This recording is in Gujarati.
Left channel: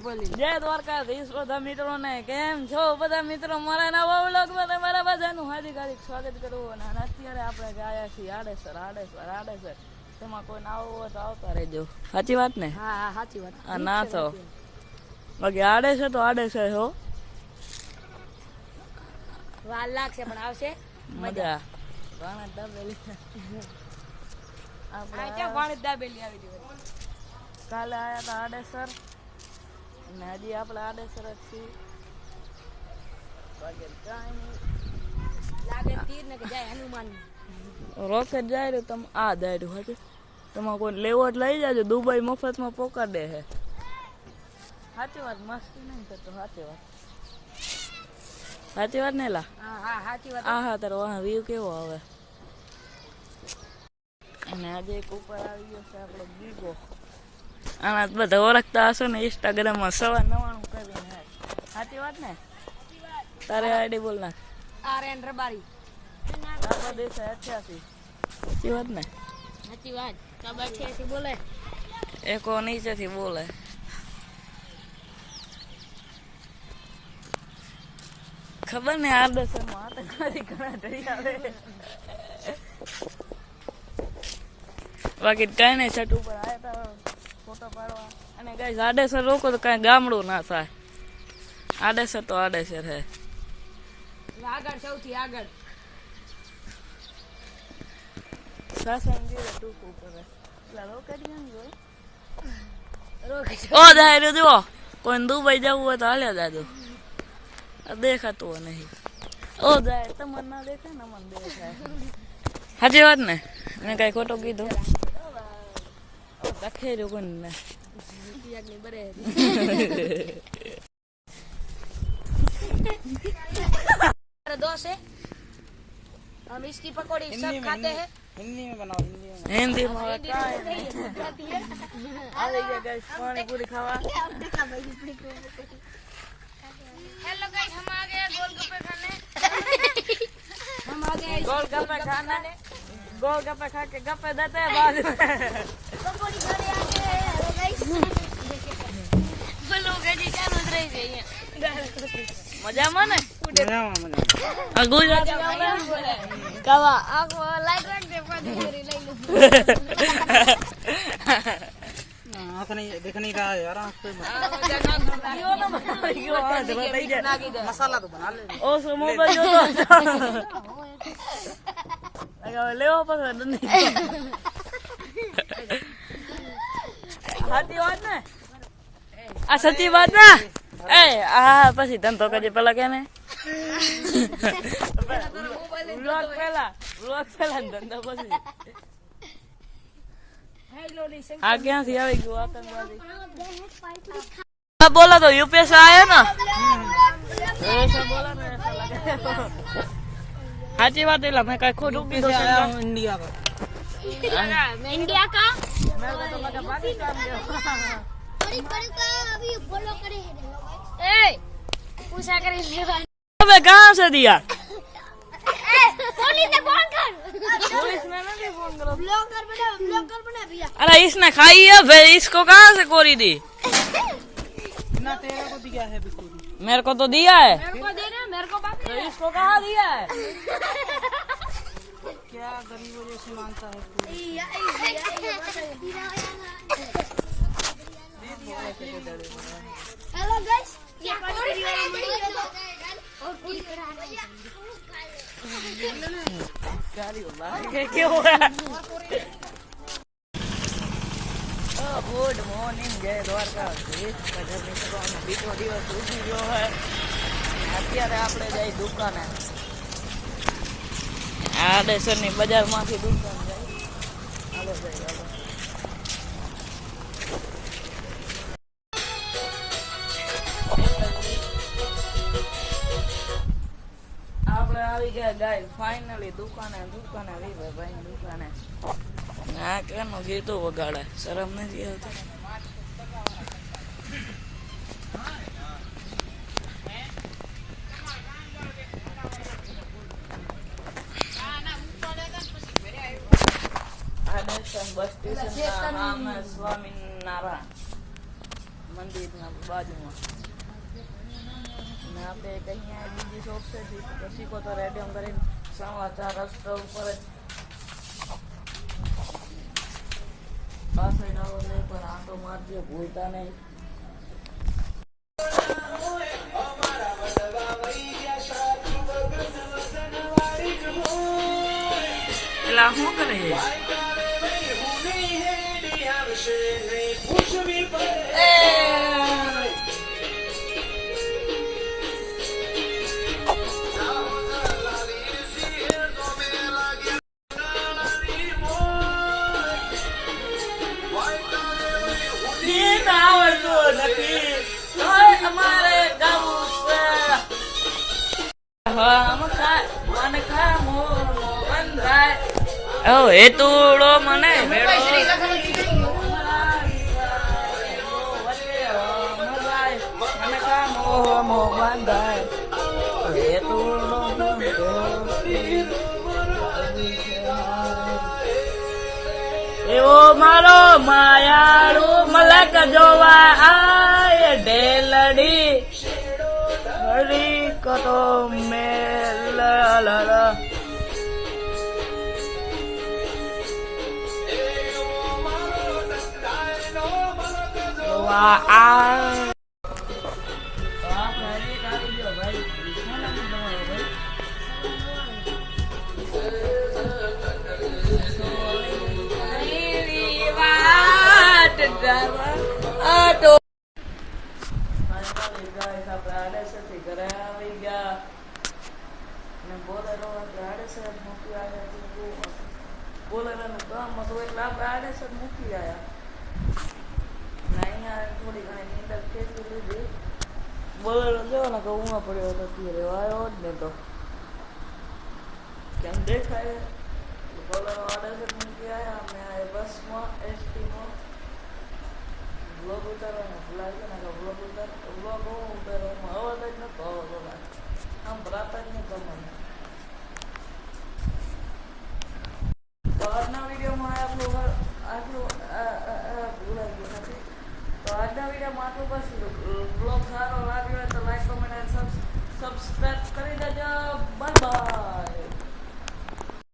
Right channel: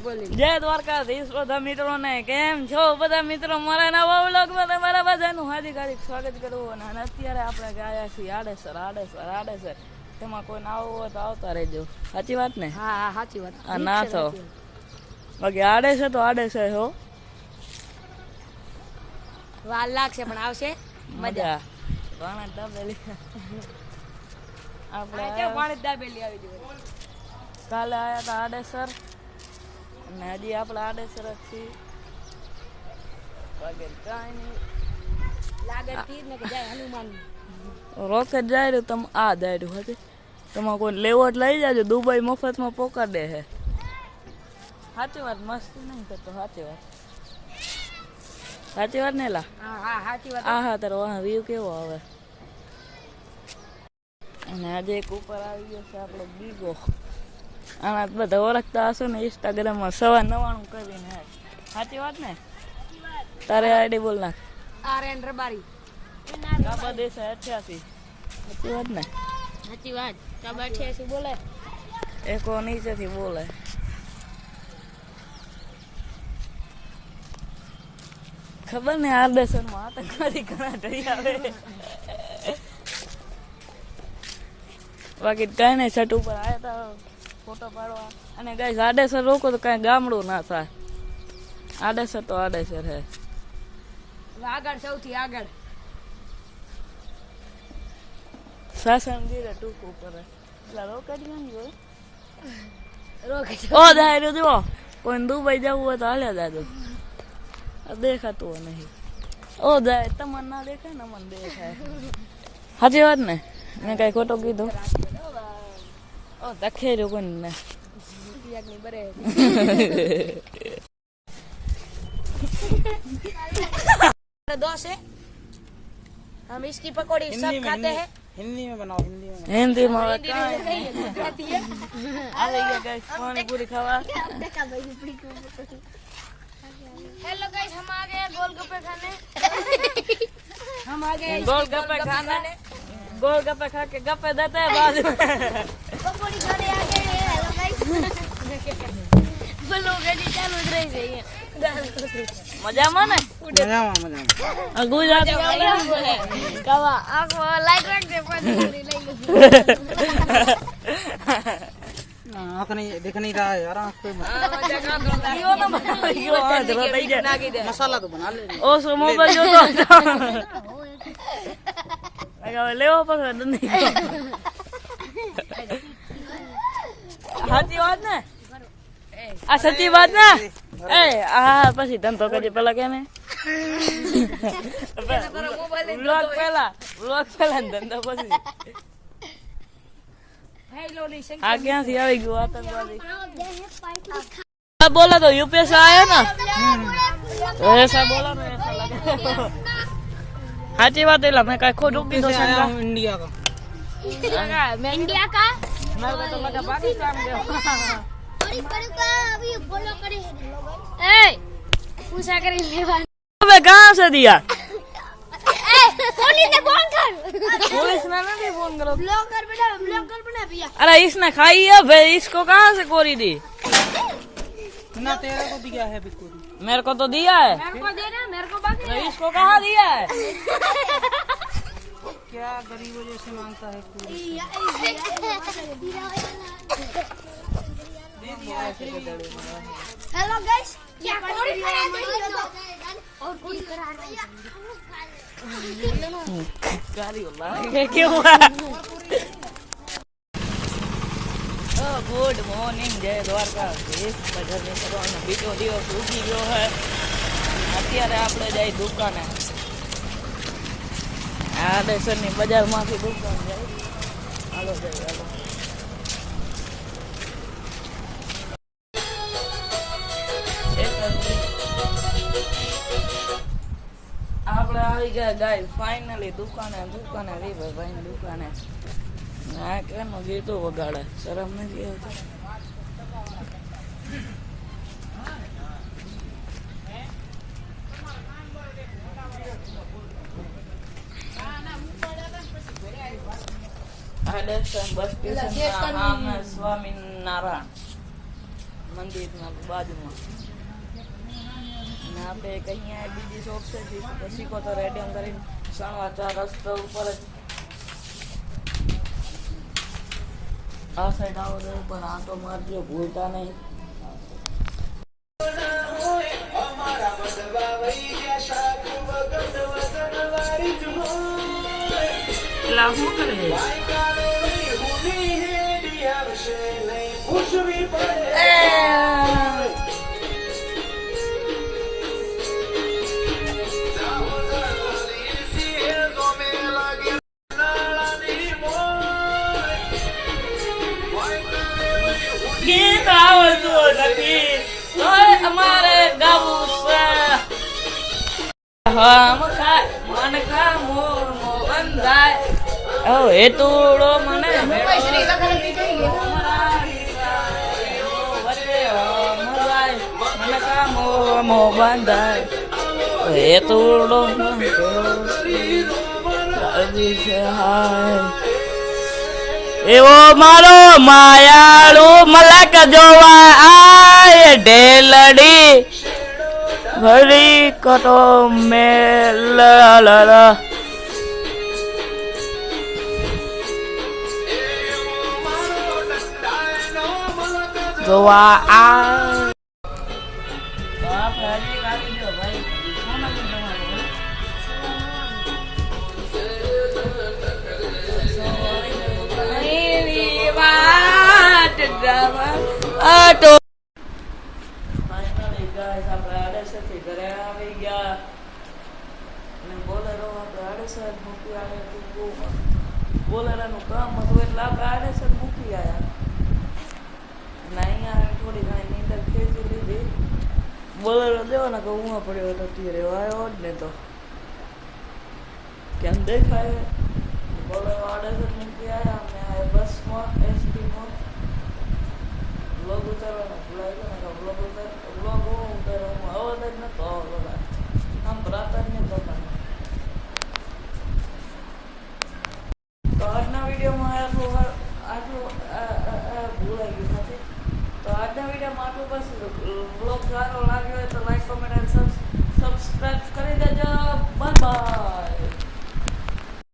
જય દ્વારકાધીશ બધા મિત્રોને કેમ છો બધા મિત્રો મારા નવા વ્લોગમાં તમારા બધાનું હાર્દિક સ્વાગત કરું અને અત્યારે આપણે ગયા છીએ આડેસર તેમાં કોઈ ના આવવું હોય તો આવતા રહેજો સાચી વાત ને હા સાચી વાત ના તો બાકી આડેસર હો વાર લાગશે પણ આવશે મજા પાણી દાબેલી આપણે કાલે આવ્યા હતા આડેસર અને હજી આપણે આડેસર જ છીએ વગેરે કાંઈ નહીં રોકેટ જાય રહ્યું તમે આ જાય રહ્યું હતી તમારે કોઈ લેવો જ લઈ જાજો દુબઈ મફતમાં પોકાડે છે સાચી વાત મસ્તી નહીં કરતો સાચી વાત ને લા હા તારો વાહ વ્યૂ કેવો આવે અને આજે એક ઉપર આવી ગયો છે આપણો બીજો આના બધા ઓળખતા હશો ને ઇન્સ્ટાગ્રામમાં 99 કરીને સાચી વાત ને તારે આઈડી બોલ નાખ RN રબારી કાબા દેશે 88 સાચી વાત ને સાચી વાત કાબા 88 બોલે એકો નીચેથી બોલે ખબર ને આડેસરમાં આતંકવાદી ઘણા થઈ આવે બાકી કઈ નહીં છઠ ઉપર આવ્યા હતા ફોટો પાડવા અને કઈ આડેસર રોકો તો કઈ ગામડું ના થાય આડેસર તો આડેસર હે આગળ સૌથી આગળ સાસણગીર ટૂંક ઉપર એટલે રોકેટ નહીં હોય રોકેટ ઓ જાય જુઓ કોઈ દુબઈ જવું હોય તો હાલ્યા જાજો દેખાતું નહીં ઓ જાય તમને ના દેખાય ને મને દેખાય સાચી વાત ને મેં કઈ ખોટો કીધું ઓ દખેર્યું કોણ ને दोस्त है हम इसकी पकौड़ी सब खाते हैं हिंदी में बनाओ हिंदी में अरे क्या गाइस पानी पूरी खावा हेलो गाइस हम आ गए गोलगप्पे खाने गोलगप्पे खा के गप्पे देते हैं बाद में पकौड़ी खाने आ गए हेलो गाइस बोलो रेडी चालू જ રહી છે મજામાં ને ગુજરાતી આવડે કાવા આખો લાઈટ રાખજે પાછી પૂરી લઈ લે आँख नहीं दिख नहीं रहा है यार आँख पे યો ના યો આ ધરો થઈ જાય मसाला तो बना ले ઓ સો મોબાઈલ જો તો લગાવ લેવો પડે નહીં સાચી વાત ને આ સાચી વાત ને એ આ પછી ધંધો કરજે પેલા કે ને વ્લોગ પેલા ધંધો પછી આ ક્યાંથી આવી ગયું આતંકવાદી बोला तो यूपीएस आया ना ऐसा बोला ना ऐसा लगा साची बात है मैं काय खुद रुकी तो इंडिया का मैं इंडिया का मेरे को तो लगा पाकिस्तान के ए पूछा करे लेवा अबे कहां से दिया पुलिस ने फोन कर पुलिस ने नहीं फोन करो ब्लॉगर बना भैया अरे इसने खाई है फिर इसको कहां से कोरी दी ना तेरा को दिया है बिस्कुट मेरे को तो दिया है मेरे को दे रहा मेरे को बाकी तो इसको कहां दिया है क्या गरीबों जैसे मांगता है पूरी हेलो गाइस ये पूरी और पूरी कराना गाड़ी वाला क्यों है ગુડ મોર્નિંગ જય દ્વારકાધીશ બધા મિત્રોનો બીજો દિવસ ઉગી ગયો છે અત્યારે આપણે જઈ દુકાને આડેસરની બજારમાંથી દુકાન જાય હાલો જઈ હાલો આપણે આવી ગયા ગાય ફાઇનલી દુકાને રીભાઈ ભાઈ દુકાને ના કેનું ગીતો વગાડે શરમ નથી આવતી આડેસર બસ સ્ટેશન સ્વામિનારાયણ મંદિરના બાજુમાં. અને આપણે અહીંયા બીજી શોપ છે પછી કો તો રેડિયમ કરીને સણવા રસ્તા ઉપર જ આ સાઈડ આવો તો પણ આટો મારજો ભૂલતા નહીં. એલા શું કરે ગીત આવડતું નથી તોય અમારે ગાવું છે. મન ખા મોર મો બંધાય ઓ એ તોડો મને મેળો મન ખા મોર મો બંધાય એ તોડો એવો મારો માયાળુ મલક જોવા આય ઢેલડી ઘડી કતો મેલ જોવા આ આટો આપણે આડેસરથી ઘરે આવી ગયા અને બોલેરો આપણે આડેસર મૂકી આવ્યા. બોલેરાનું કામ હતું એટલે આપણે આડેસર મૂકી આવ્યા અને અહીંયા થોડી ઘણી નીંદર ખેંચી લીધી. બોલેરો દેવાના કે ઊંઘા પડ્યો હતો ત્યારે આવ્યો જ ને તો કેમ દેખાય. બોલેરો આડેસર મૂકી આવ્યા અમે આ બસમાં એસટીમાં વ્લોગ ઉતારવાનો ભૂલાઈ ગયો ને વ્લોગ ઉતારવામાં અવાજ જ નતો આવતો આમ ભરાતા જ નહીં તમને. તો આજના વિડીયોમાં આટલું ભૂલાઈ ગયું નથી. તો આજના વિડીયોમાં આટલું બસ. બ્લોગ સારો લાગ્યો હોય તો લાઈક કમેન્ટ અને સબસ્ક્રાઈબ કરી દેજો. Bye bye.